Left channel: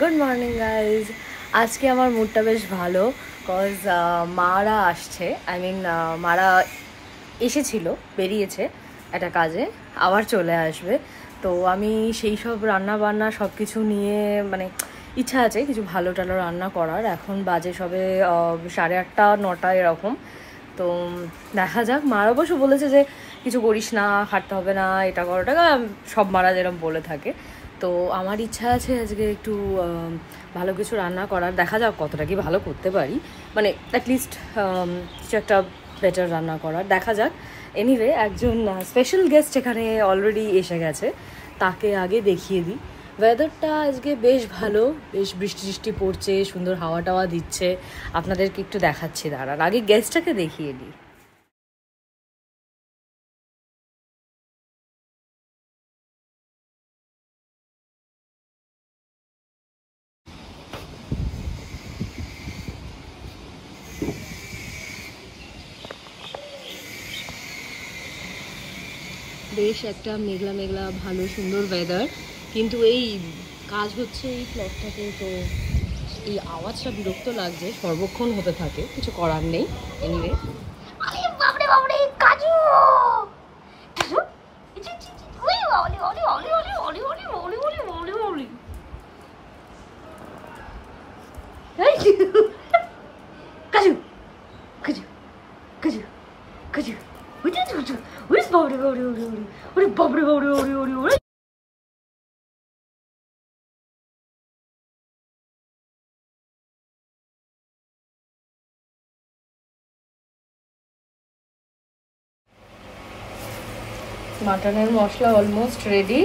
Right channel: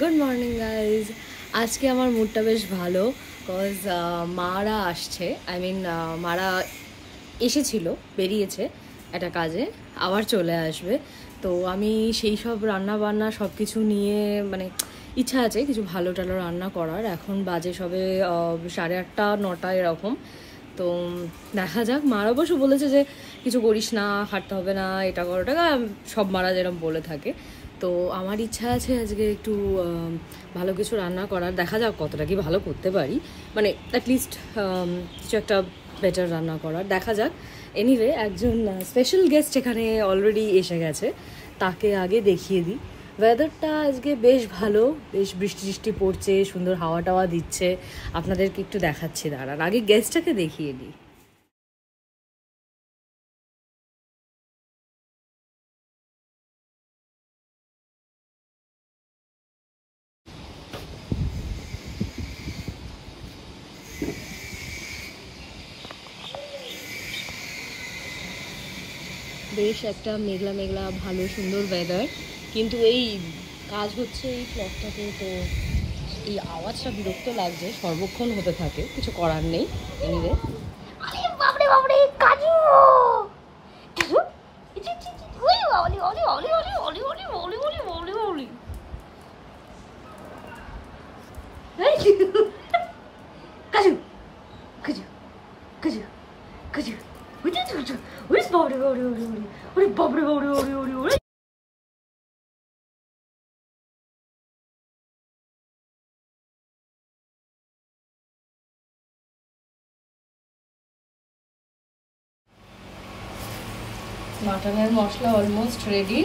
Good morning guys. আজকে আমার মুডটা বেশ ভালো, কজ মারা আসছে। মারা এসেছিল, বেরিয়েছে একটা কাজে, আবার চলে আসবে। তো আমি সেই সব রান্না বান্না সব কিছু নিয়ে ইচ্ছা আছে কিছু ভালো টালো রান্না করার। এখন বাজে সবে 8:30 9টা এরকম। তো দেখা যাক। মারা অবশ্য বলেছে যে কিছু করিস না, খাটতে হবে না, এটা করো ওটা, সব মারা যেরকম বলে থাকে। তো আমার ইচ্ছা আছে আজকে একটু ভালো কিছু রান্না করার। দেখা যাক কতটা কি ভালো করতে পারি, অ্যাটলিস্ট কিছু একটা বেটার রান্না করার, দেখা যাক। এনিওয়ে, একজন স্পেশাল গেস্ট এখানে অলরেডি এসে গেছে, তাকে আগে দেখিয়ে দিই। ওয়েদারটা আজকে বেশ ভালো, বেশ বৃষ্টি টিষ্টি পড়ছে, সুন্দর হাওয়া টাওয়া দিচ্ছে। আপনাদেরকে একটু দেখাচ্ছি, দাঁড়ান আগে গেস্টটাকে দেখিয়ে দিই। বেশ একটা মেঘলা মেঘলা ভালো সুন্দর ওয়েদার, কিন্তু এই কাজ হচ্ছে এই ফ্ল্যাটটাতে, তো এই আওয়াজটা বিরক্ত লাগছে, সর্বক্ষণ হতে থাকে, কিছু করার নেই। এনিওয়ে, আরে বাপরে বাপরে, কাজু কাজু ওই বাবলি বাবলি বাবলি বাবলি বাবলি বাবলি বাবলি বাবলি বাবলি কাজু কাজু কাজু কাজু কাজু ওই বাপরে বাপরে বাপরে ওরে বাপরে বাপরে বাপরে বাপরে। মাটনের মশলা অলমোস্ট রেডি,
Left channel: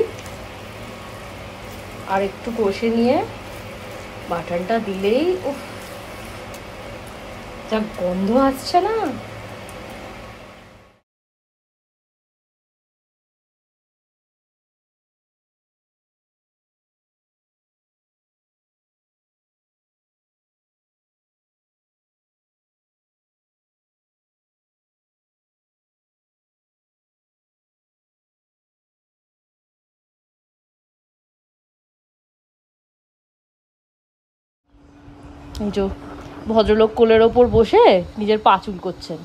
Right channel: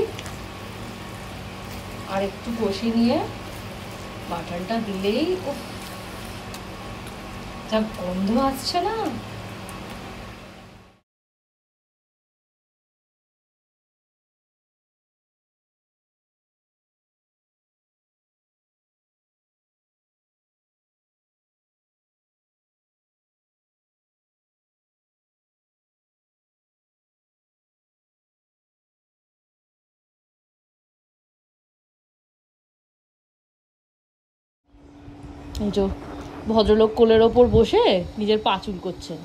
আর একটু কষে নিয়ে মাটনটা দিলেই উফ, যা গন্ধ আসছে না। এই যে ভদ্রলোক কোলের ওপর বসে নিজের পা চুল করছেন।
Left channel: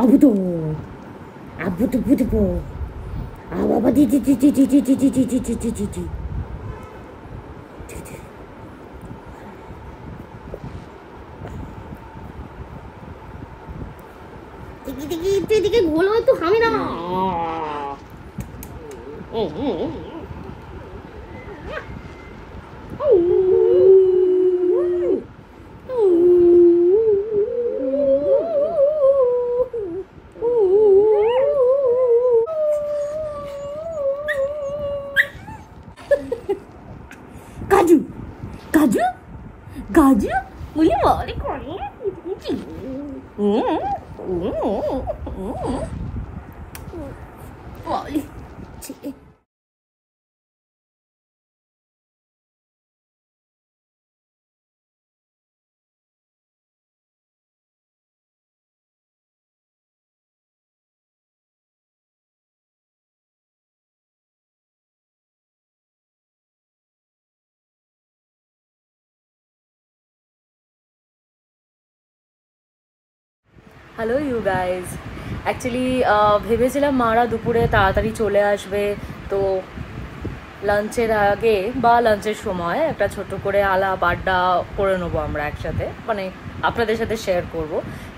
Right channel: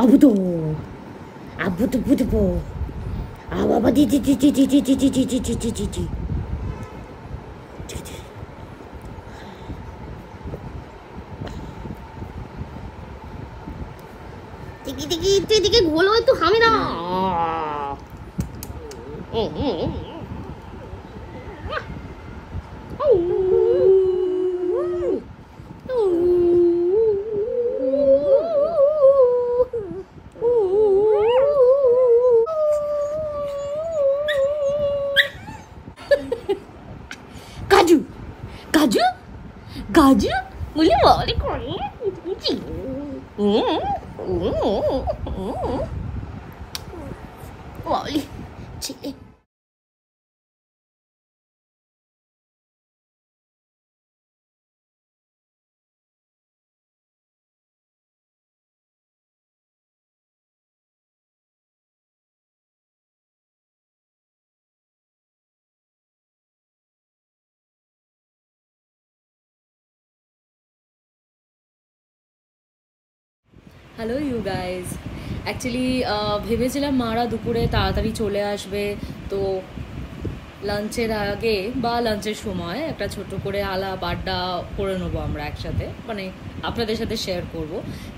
아부도 아부도 부두부 아바바 디디디디디디디디디디디디 디디디디 디디디 গোলো একটু খাবি না। 가주 가주 가주 우리 머리 거리 머리 হ্যালো ইউ গাইজ। অ্যাকচুয়ালি ভেবেছিলাম মারা দুপুরে তাড়াতাড়ি চলে আসবে, তো লাঞ্চের আগে বা লাঞ্চের সময় একটা ছোট করে আলাপ আড্ডা করে নেবো আমরা একসাথে, মানে আপনাদের সাথে শেয়ার করব।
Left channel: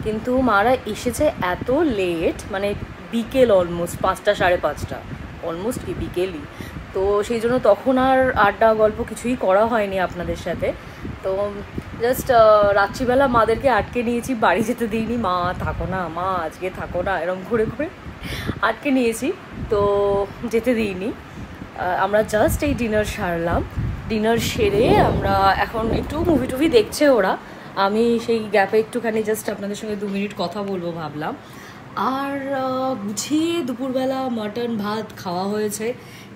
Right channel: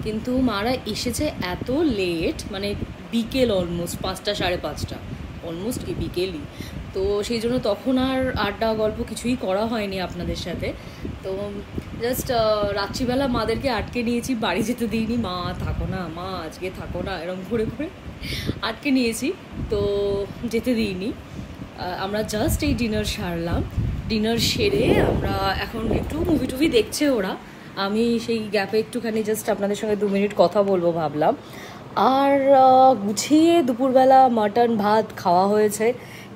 কিন্তু মারা এসেছে এত লেট, মানে বিকেল অলমোস্ট 5টা 5:30, অলমোস্ট কি বিকেলই। তো সেই জন্য তখন আর আড্ডা গল্প কিছুই করা হয়নি আপনাদের সাথে। তো জাস্ট রাত্রিবেলা মাদেরকে আটকে নিয়েছি, বাড়ি যেতে দিইনি। মা থাকো না, মা আজকে থাকো না, এরকম ঘুরে ঘুরে আটকে নিয়েছি, তো যেতে দিইনি। আমরা জাস্ট এই ডিনার সারলাম, ডিনার সেরে আমরা এখন একটু মুভি টুভি দেখছে ওরা। আমি সেই গ্যাপে একটুখানি জাস্ট আপনাদের সঙ্গে 2 মিনিট কথা বলবো ভাবলাম। আর গুছিয়ে দুপুরবেলা মাটন ভাত খাওয়া হয়েছে,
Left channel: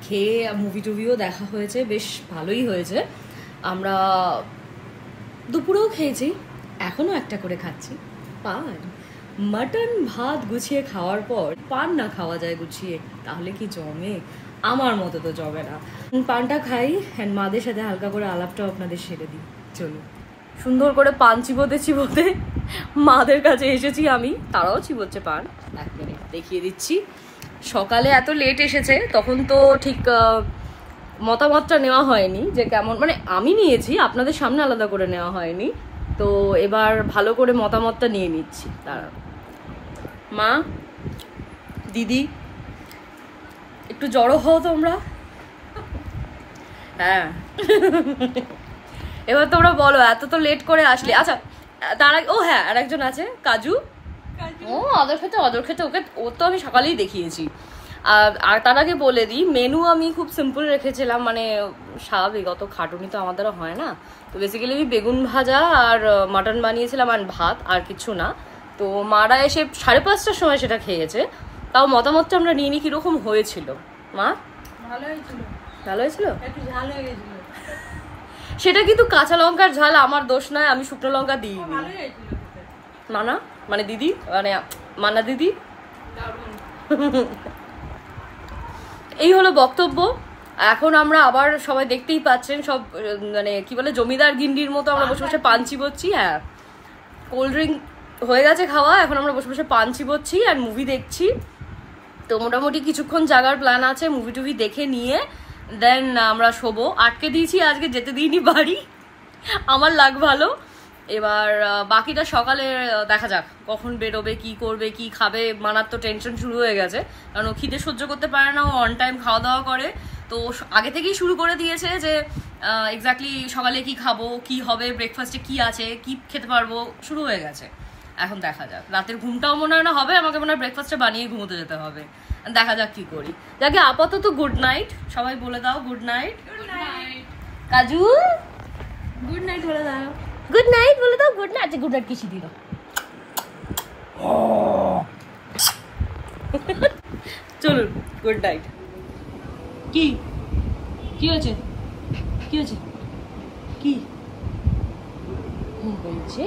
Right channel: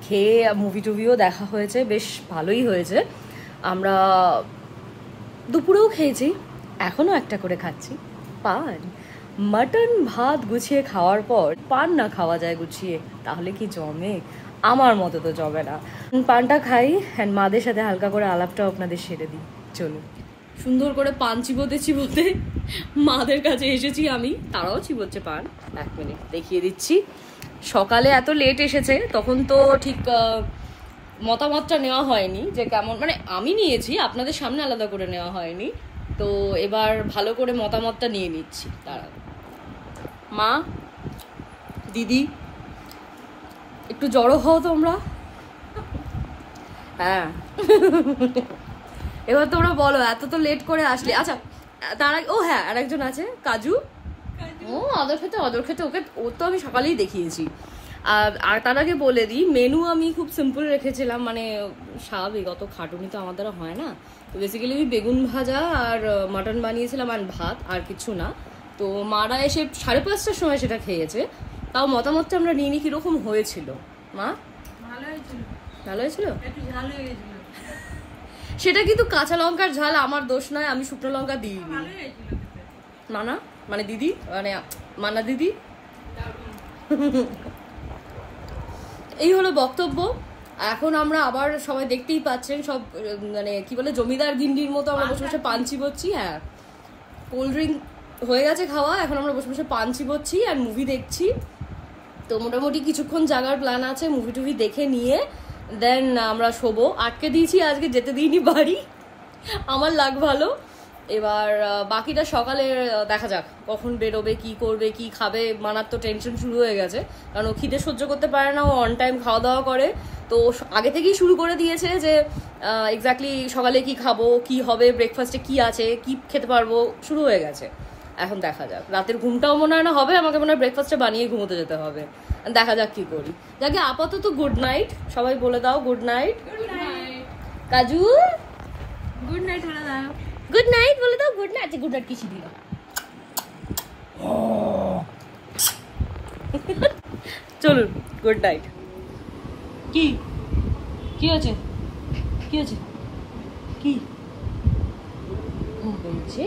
খেয়ে মুভি টুভিও দেখা হয়েছে, বেশ ভালোই হয়েছে। আমরা দুপুরেও খেয়েছি, এখনও একটা করে খাচ্ছি পান। মাটন ভাত গুছিয়ে খাওয়ার পর পান না খাওয়া যায় গুছিয়ে, তাহলে কি জমে? আমার মতো তো জমে না। পানটা খাই অ্যান্ড মাদের সাথে হালকা করে আলাপটাও আপনাদের সেরে দিই। চলুন। সুন্দর করে পান চিবোতে চিবোতে মাদের কাছে এসেছি আমি, তারাও চিবোচ্ছে পান। 1 মিনিট দেখিয়ে দিচ্ছি। সকালে এত লেট এসেছে, তখন তো ঠিক মতামতটা নেওয়া হয়নি যে কেমন, মানে আমি নিয়েছি, আপনাদের সামনে আলাদা করে নেওয়া হয়নি। তো এবার ভালো করে মতামতটা নিয়ে নিচ্ছি। তারা মা, দিদি, একটু জড়ো হও তোমরা। হ্যাঁ এবার তোমরা বলো, এত তো লেট করে আসলে। আচ্ছা তার আগে, ও হ্যাঁ আর একজন আছে, কাজু। ও অদর খেতে ওকে, ও তো আমি সকালেই দেখিয়েছি। আর তার আগে বলে দিই, মেনু আমি খুব সিম্পল রেখেছিলাম, মানে স্বাভাবিক, অত খাটুনি তো আমার দ্বারা হয় না। তো বেসিক্যালি আমি বেগুন ভাজা আর মাটন বানিয়েছিলাম আর ভাত, আর কিছু না। তো মারা এসে 5:30টার সময় সেটা খেয়েছে। তাও মতামতটা আমরা নিয়ে নিই কিরকম হয়েছিল। মা ভালো হয়েছিল? ভালো হয়েছিল, ঝাল হয়ে গেছিল। সেটা কিন্তু কাঁচা লঙ্কার ঝাল, আমার দোষ নয়, আমি শুকনো লঙ্কা দিইনি। মানা মানে দিদি, মানে মানা দিদি। এই হলো বক্তব্য। এখন আমরা আবার সবাই দেখতেই পাচ্ছেন, সব মানে কি বলে জমিদার গিন্ডির মতো আমরা বসে বসে পান চিবোচ্ছি। হ্যাঁ, কোল্ড ড্রিঙ্ক হয়ে গেছে খাওয়া, এখন আমরা বসে বসে পান চিবোচ্ছি আর মুভি দেখছি। তো মোটামুটি কিছুক্ষণ জাগার প্ল্যান আছে, মুভি টুভি দেখে নিয়ে দেন আমরা শোবো। আটকে দিয়েছি, আজকে যেতে দিইনি বাড়ি, আমার লাগ ভালো। এবার বাকিটা সকালে দেখা যাক কখন বেরোবে, কি করবে, কি খাবে। মানার তো টেনশন শুরু হয়ে গেছে, কারণ ও খিদে সহ্য করতে পারে না, ও অন টাইম খাওয়া দাওয়া করে। তো আগে থেকেই শুরু করে দিয়েছে যে এক্স্যাক্টলি সকালে কি খাবো, কি হবে, ব্রেকফাস্টে কি আছে, কি খেতে পারবো, শুরু হয়ে গেছে। এখন দেখা যাক, রাতের ঘুমটাও মনে হয় না হবে, আমাকে মনে হয় ব্রেকফাস্টটা বানিয়ে ঘুমোতে যেতে হবে। দেখা যাক কি করি। যাকে আপাতত গুড নাইট সবাই বলে দাও। গুড নাইট কাজু, গুড নাইট বলে দাও। গুড নাইট বলে দাও। Good night. গুড নাইট কিসি দিল? চলুন গুড নাইট। কি কি হয়েছে, কি হয়েছে, কি ঘুম পেয়েছে?